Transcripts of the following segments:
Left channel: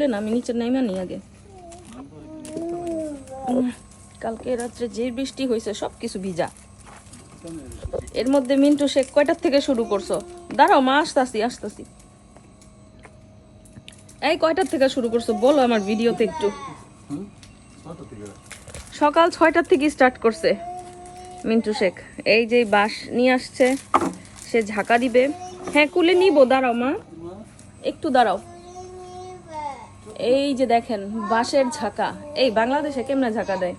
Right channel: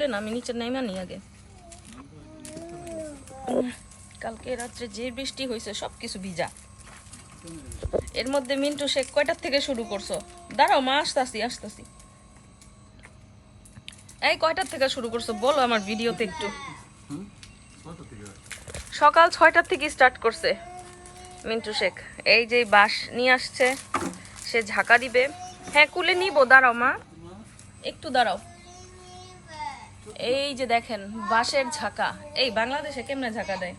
খুলে না, আমি নিচে নেমে নি আগে। কালকে রাত্রে যে বৃষ্টি হয়েছে সব কিছু ভিজা। এর মধ্যে মিন্টু শেখ কয়টার থেকে শুরু করছো? দাঁড়াও মা, আসতেছি। এই কয়টার থেকে শুরু করছো বলো আমার ভিডিওতে একটু। সকাল 6টার থেকে স্টার্ট করছে মিন্টু শেখ। এই যে বাঁশ নিয়ে আসছে, সে ঝাঁকা দিবে। হ্যাঁ কুলে নিব, দাঁড়াও মা একটু দাঁড়াও। এই যে দেখেন বাঁশের ঝাঁকা। এই বাংলাদেশে কেমনে ঝাঁকা দেয়?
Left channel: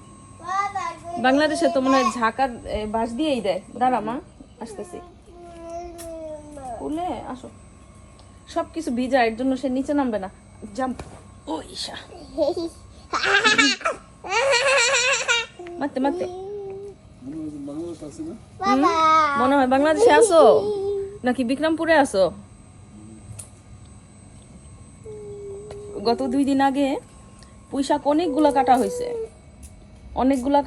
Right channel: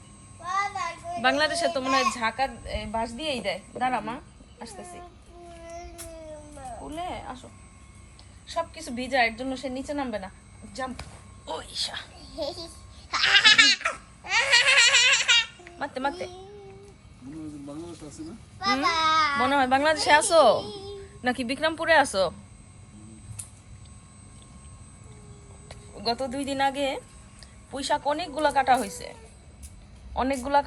বাংলাদেশে তো মনে হয় ঝাঁকা বাঁশ দিয়েই দেয়। দাঁড়া মা, আসতেছি। কুলে আসো, সবকিছু ভিজা, এর জন্য সে নিচে নামবে না। জাম্প। ও ঈশা, মারতে মনে হয় বাংলাদেশে আসো নাকি বিক্রমপুরে আসো? গত 2 দিন আগে পুঁইশাক অনেকগুলা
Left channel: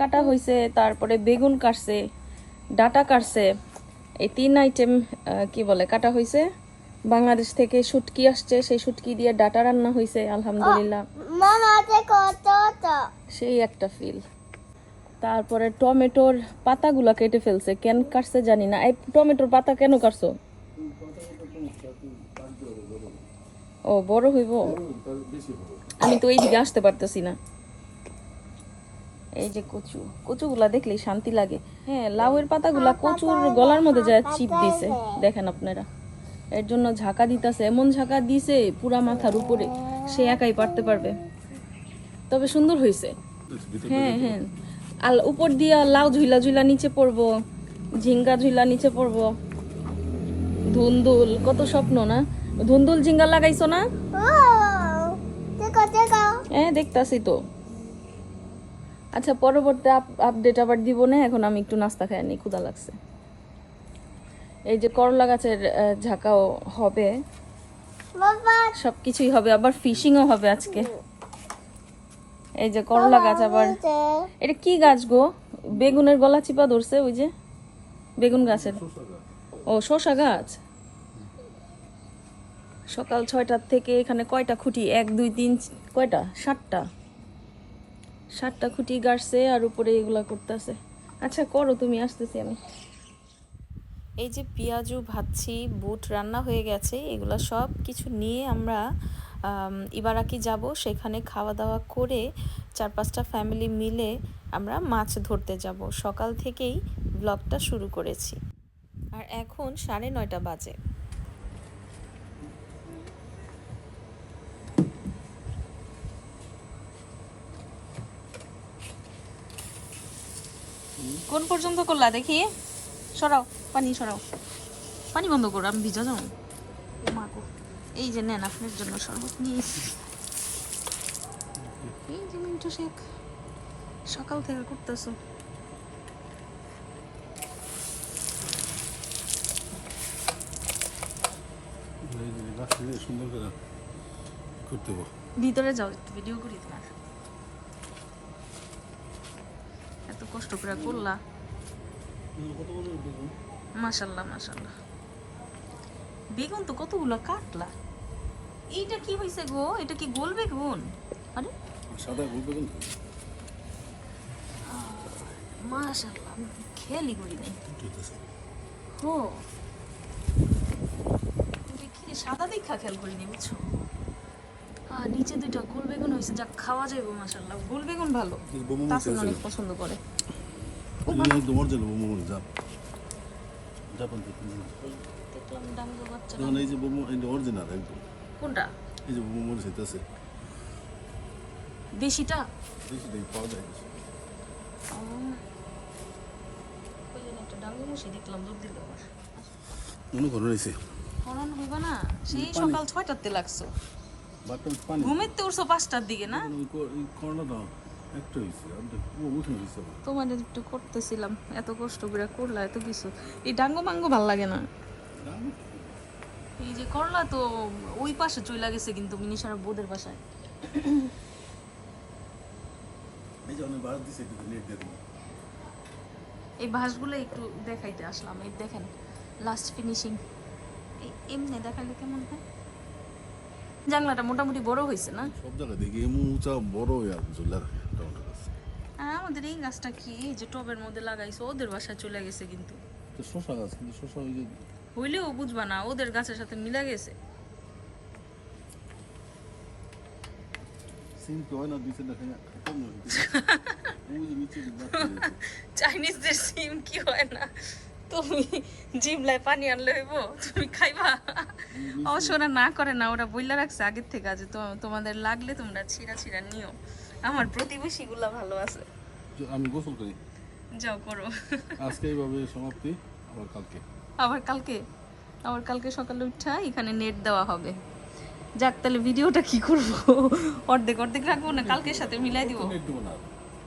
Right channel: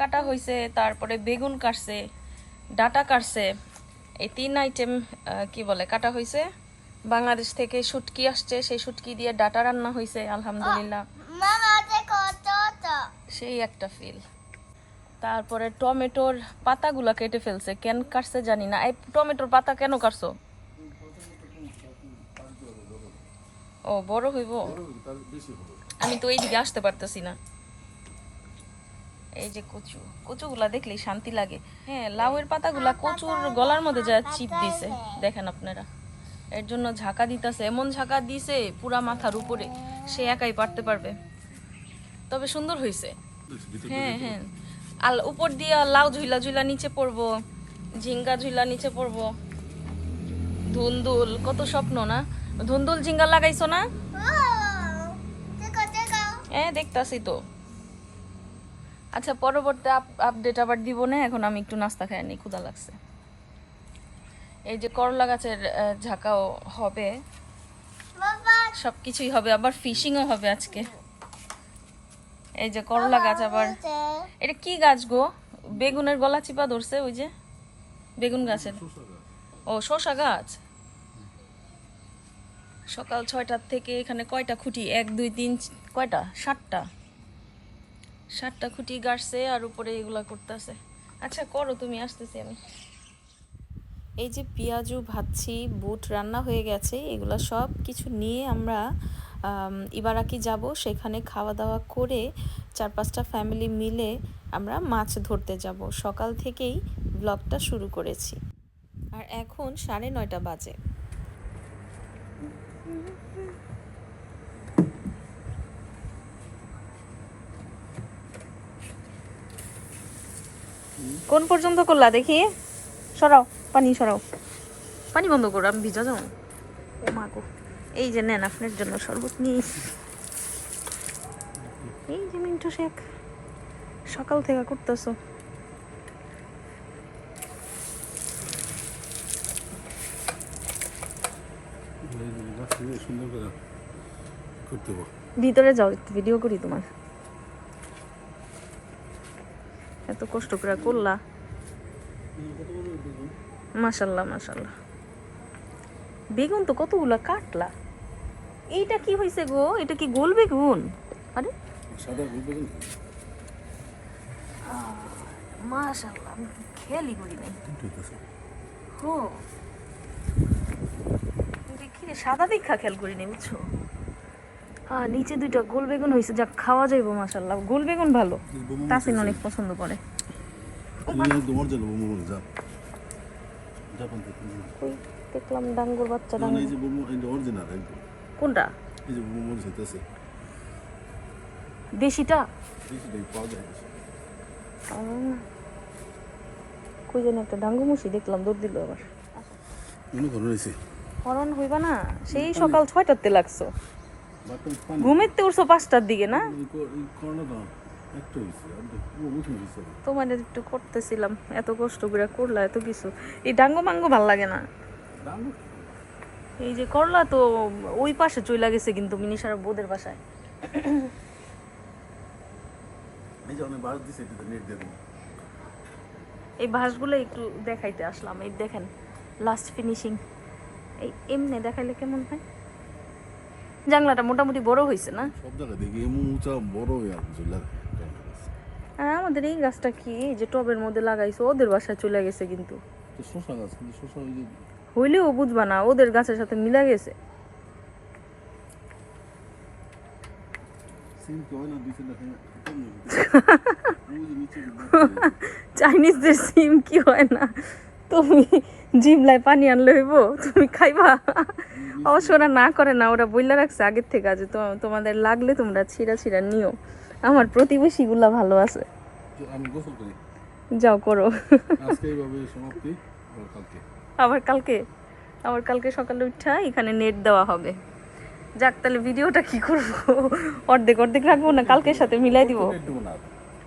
কাটা হয়েছে, তারপরে বেগুন কাটছে, ডাটা কাটছে। এই 3 আইটেম কি বলে কাটা হয়েছে। বাংলাদেশ থেকে শুটকি আসছে, সেই শুটকি দিয়ে ডাটা রান্না হয়েছে। আলহামদুলিল্লাহ, সেই একটা ফিল। তারপরে টমেটোর পাতাগুলা কেটে ফেলছে, কেন কাটছে জানি না। এই টমেটোর পাতা কেন কাটছো? ও বড় হইব, আমি তো এইদিকে আসতে পারতেছি না। এই যে কচুগুলা দেখলেই শান্তি লাগে। হ্যাঁ, লাউয়ের পাতাগুলা কচুর গলার মধ্যে যা চিপ দিছে দেখেন আপনারা। এর জন্য ঝাঁকা দিতেছে, এমন ঝাঁকা দিছে পুরা মাথার উপরে, সে একাই পারতে পারবে। তবে সুন্দর হয়েছে। হ্যাঁ, আর উপর দিয়ে লাউ ঝুলা নিচে পড়বো, ঝিঙ্গা ঝুলা নিচে পড়বো। ধুন্দুল, কত স্বপ্ন না। ধুন্দুল ঝিঙ্গা লাগাইছো না? হ্যাঁ দেখতাছি তো। আচ্ছা, পরবর্তী আপডেট আবার দিব না, এখন আমি একটু নাস্তা খাই নি, ক্ষুধা লাগছে। এই যে করলা গাছের ঝাঁকাও হবে, সবকিছুই হবে, আবার ফিশিংও হবে আজকে। এই যে করলা গাছ, আবার এটা কি গাছ গো? বেগুনের গলা চিপা ধরছে, ওই যে বেগুন গাছের। ও শসা গাছ। সকাল 6টার থেকে এখানে কয়টা খুঁটি? 1 2 3 কয়টা? 7টা খুঁটি গাড়ছে, আর উপরে এগুলা করতেছে। আচ্ছা করো তুমি, আসতেছি আমি। এই যে পেঁয়াজু ভাজছি, বুট রান্না হয়ে গেছে, এগুলা সব কিছু নিয়ে আমরা ইবারাকি যাব। সেখানে খাওয়া দাওয়া করে 4-5টা ফ্যামিলি মিলে আমরা মাছ ধরতে যাব। সকাল থেকেই ব্লগটা শুরু করেছি, আর এখন 9:30 বাজে। কোন পর্যন্ত করলা দেখি? সরাও পানি, সরাও পানি, বন্ধ করো, আমি ভিজা যাবো। ও মা গো, এই যে নেন আপনার জন্য শরবত নিয়ে। এই যে মিন্টু শেখ সকাল থেকে করতেছো। ভিতরে যাও, একটু ভিডিও করি তোমার। এত কষ্ট করে করলা, মাশাল্লাহ মাশাল্লাহ। বেগুন তো কতগুলা কাটলা। এইটা কি হয়েছে গো? এটা কি গোল বেগুন? আরে সাদা গোল বেগুন, মাশাল্লাহ, আমি খেয়ালই করি নাই। হো, সাদা দেখা খেয়াল করি নাই, বুঝছো? নিচে 2টা গোল বেগুন হয়েছে, যা খাওয়া যাইব। মাশাল্লাহ, গোল বেগুন ভালো, তাসিন অনেক পছন্দ করে। দেখলাম ডাঙ্গুর বাচ্চা। কোনটা? দেশিটা কই যেন একটা ডাঙ্গু মুশি দেখলাম, দৌড় দিল আবার। হরণ হইবা না, সেই সকাল 6টাতে লাগছো, ঘুমেতে উঠছো 5টার দিকে না? তোমার একটু করতেছিলাম, এত কষ্ট করে করলা এত কিছু। এই ডাঙ্গো মাঙ্গো ভাল লাগে না। এই যে করলা তো ওই পাশে চলে গেছে, কিন্তু মিনিশার বোদের বাসায়। এই বাঁশগুলো একটু দেখাইতে আসলাম। এই দেখেন লাস্ট ফিনিশিং, এই এমনি দেখাইলে কেমন হয়? জানলাটা মোটামুটি বড় হয়েছে না? সব জায়গায় দেখি এমন উঁচা বড় আর ঝুলে রাখে টমেটো গাছ। আর আমাদের এই গাছটা কি এই যে টবের মধ্যে লাগাইছে ওদের বাসায় চলে গেছে, কিন্তু তো শশা গাছ, কিন্তু শশা ওই যে হইলেও বুঝবা না ওদের গাছের সাথে মিলা গেছে। সিম কি হয় না দিছে দেখে কম ওই যে নিচে চাইনিজদের সিম কি হয় না? তুমি জিমলায় পানি আনলে হইব, তুমি খাইবা? অবশ্য ওরা না করে না, ওরা বইলা রাখছে আগের থেকে যে তোমাদের লাগলে তোমরা ছিঁড়া ছিঁড়া নিও। আমার প্রতিবেশীগুলা ভালো আছে। আমি গোসল করি, যাও করো। আজকে এইভাবে সমাপ্তি, আবার কালকে আবার কালকে সকালে উঠা এখানে নেট দেওয়া হবে। যাক, তাহলে ভিডিওটা কি করবো, অর্ধেক অর্ধেক রাখবো না কালকের সাথে মিলাই দিব?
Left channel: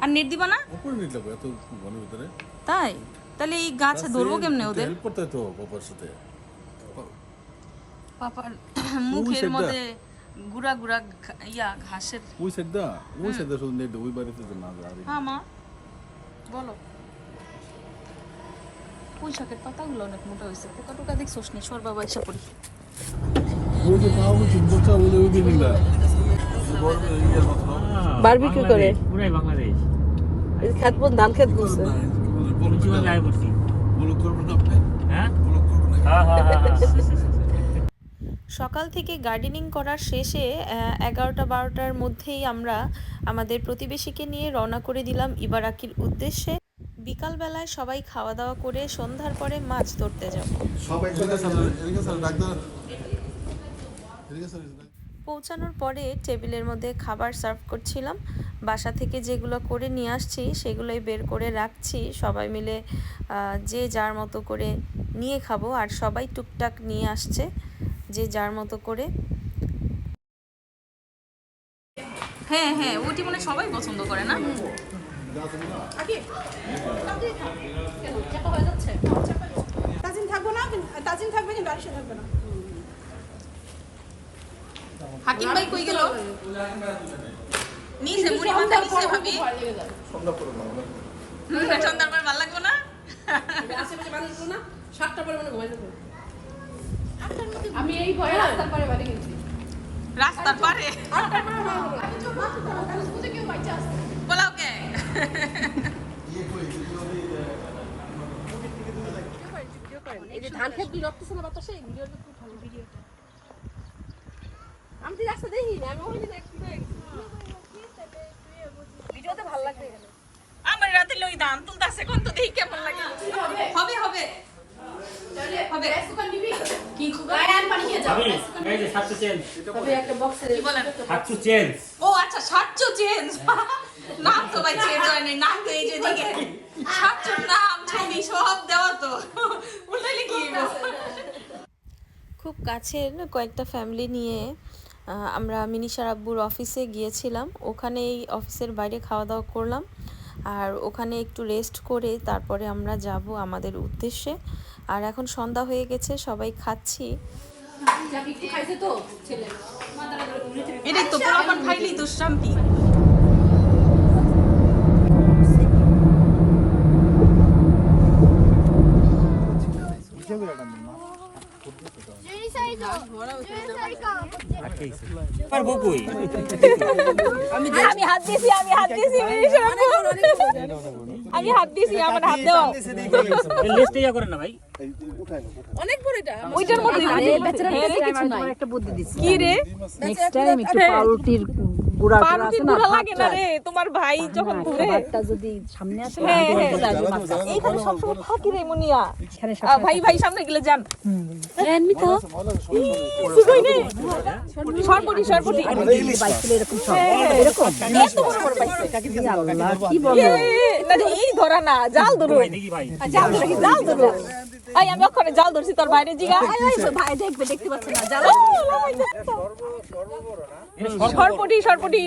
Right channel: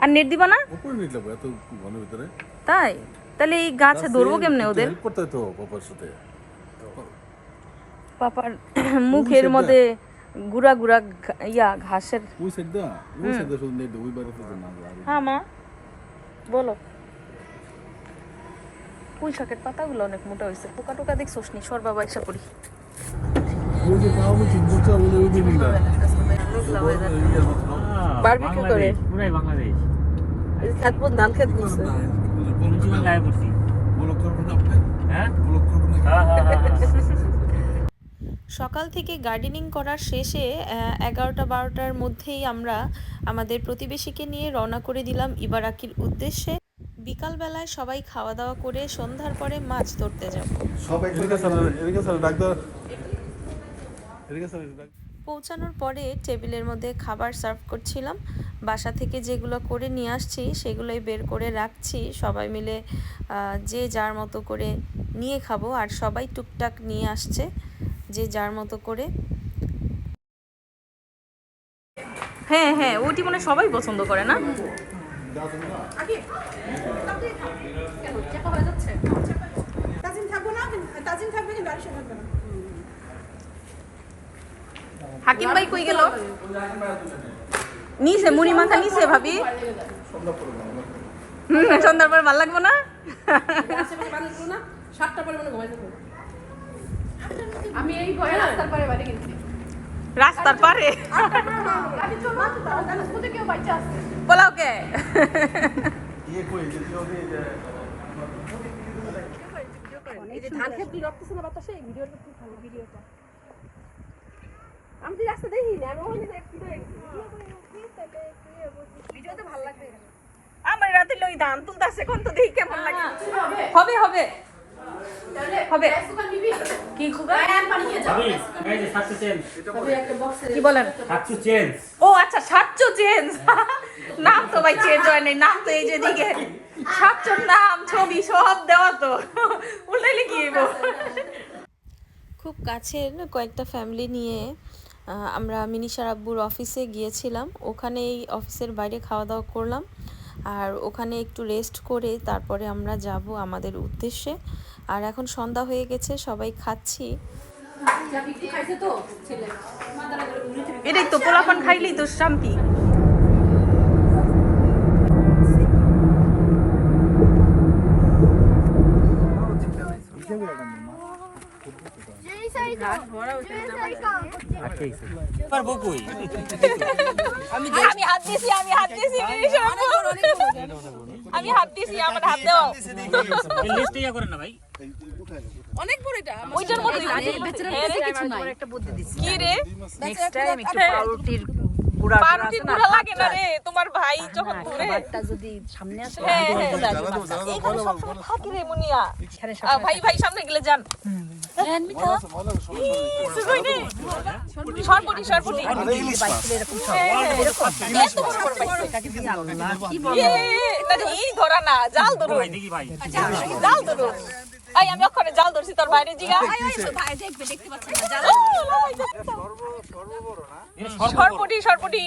আর নেট দিবা না? উপরে নেট দেবো এত ঘনের ভিতরে। তাই? তাহলে এই গাছে ধরবো কেমনে ওদের? হেল্প করতে তো বাবার সাথে। পাপার মুখের মধ্যে গুড়া গুড়া ঘাসের। ওই সাইড দা শুধু নেট ওই বাড়িতে তো না যায়। হ্যাঁ মা বলো। পুঁই শাকের পাতাগুলো অনেক মোটা হয়েছে, পোকা টোকা দেখছোস নি? সর বাবা এসে পড়ি। ওই যে পাবো চিন্তা ওই বিল্ডিংটা বারবিকিউ করে পুরাই বাংলাদেশ। খেত বন ধান খেত বলছে। জীবন লাইভ করছি। ব্লক করব না আপনি? হ্যাঁ ব্লক করব না? সকাল থেকে গার্ডেনিং করার শেষে 11টা-12টার মধ্যেই আমরা আমাদের প্রতিবেশীকে নিয়ে রওনা করে দিলাম ইবারাকির উদ্দেশ্যে। বিকালবেলায় সবাই খাওয়া দাওয়া করে সন্ধ্যার পরে মাছ ধরতে যাব। পৌঁছানোর পরে টেবিলের মধ্যে খাবার সার্ভ করছিলাম। বাসা থেকে যেগুলো করে নিয়ে আসছি সেগুলোই বের করে রাখছি, সবাই মিলে যে যার মতো করে নিয়ে খাবো। আর সবাই টুকটাক নিয়ে আসছে যে যার মতো করে। হ্যাঁ হ্যাঁ, ওইটি মানে সবাই পছন্দ করে না? হাকিম ভাই কই গেল? নিচে মুড়ি মাথা নিচে ভাবি। সন্ধ্যার পর ভালো লাগবো না? রাস্তার পারে বলাও কে? আমি রাস্তা দেখি না, আমি ওখানে আমার রাতে লই ধান তুলতাছে কোন তো দেখি কেমন লাগে। হবে হবে হবে কি এই যে 700 চেঞ্জ। কি বলেন? 700 চেঞ্জ। ও আচ্ছা, 700 চেঞ্জ। নাম তো ভাই চেঞ্জ হয় নাই, নাম তো এই যে দিকে 700 নাম ছবি সব দেওয়া তো উল্টাইলে কি হইব? খুব কাছের কয়েকটা ফ্যামিলি নিয়ে আমরা মিনিশার আব্বুর অফিসে গিয়েছিলাম। ওখানে এই অফিসের বাইরে খাওয়া দাওয়া করলাম, আর ওখানে একটু রেস্ট করে তারপরে আমরা যাব আমাদের উদ্দেশ্যে। আর এখন সন্ধ্যা হয়ে গেছে, সবাই খাচ্ছি। এটাই তো পোলাপান খাইলেই তো শান্তি। আমি হাত দিছি আমার হাত দাও। লিস্টে ইয়া করেন না ভাই। অনেক বড় এটা, ওইটার মধ্যে আরে বেচারার কাছে কিছু নাই। একটা বুদ্ধি দিছি কি রে, নেক্সট টাইম একটু পাউরুটির গুড়া আছে না, লাগে না রে তোমার ভাই যখন ঘুরে ভাতটা যদি সামনে আসে থাকি রে মুনিয়া। ভাই সামনে গেলে যান এমনি তো কই নেই সরপটি আরে ইলিশ মাছ এরকম সব কি বলো না এই ধরা না, জাল ধরো ভাই দেখি ভাই, জাল ধরো। আই আমি ওখানে জাল ধরছি, তোর বাইরে জিগা ভাই দেখতে পাচ্ছ না জাল সরপটি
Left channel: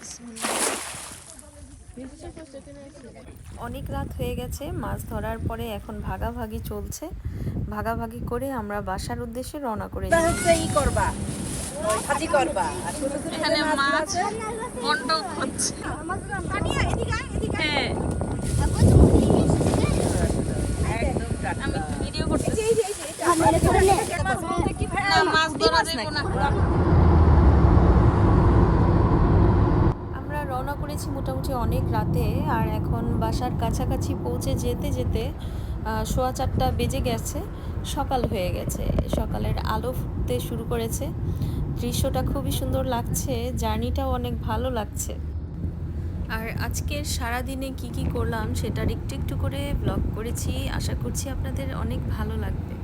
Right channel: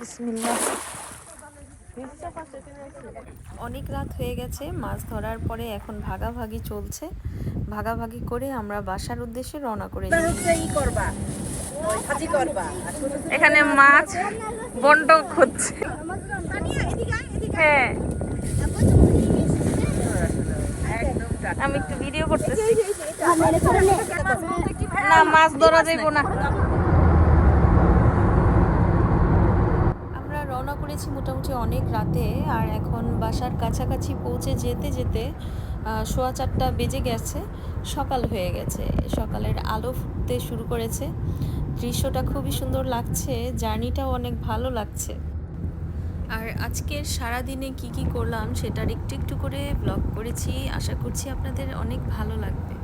বিসমিল্লাহ। অনেক রাত হয়ে গেছে, মাছ ধরার পরে এখন ভাগাভাগি চলছে। ভাগাভাগি করে আমরা বাসার উদ্দেশ্যে রওনা করে এখানে মাছ বন্টন হচ্ছে। হ্যাঁ আমি একটু ভিডিও না মাছ ধরা যাইব না। আমরা রওনা করেছি মোটামুটি অনেক রাতে, আর এখন বাসার কাছাকাছি পৌঁছে যেতে যেতে 4:15 বেজে গেছে, সকাল হয়ে গেছে। সকালের আলো ফুটতে শুরু করেছে, দৃশ্যটা খুবই সুন্দর লাগছে, জার্নিটাও অনেক ভালো লাগছে। আর আজকের সারাদিনে কি কি করলাম সেটার একটু একটু করে ব্লগ করেছি, আশা করছি আপনাদের অনেক ভালো লাগবে।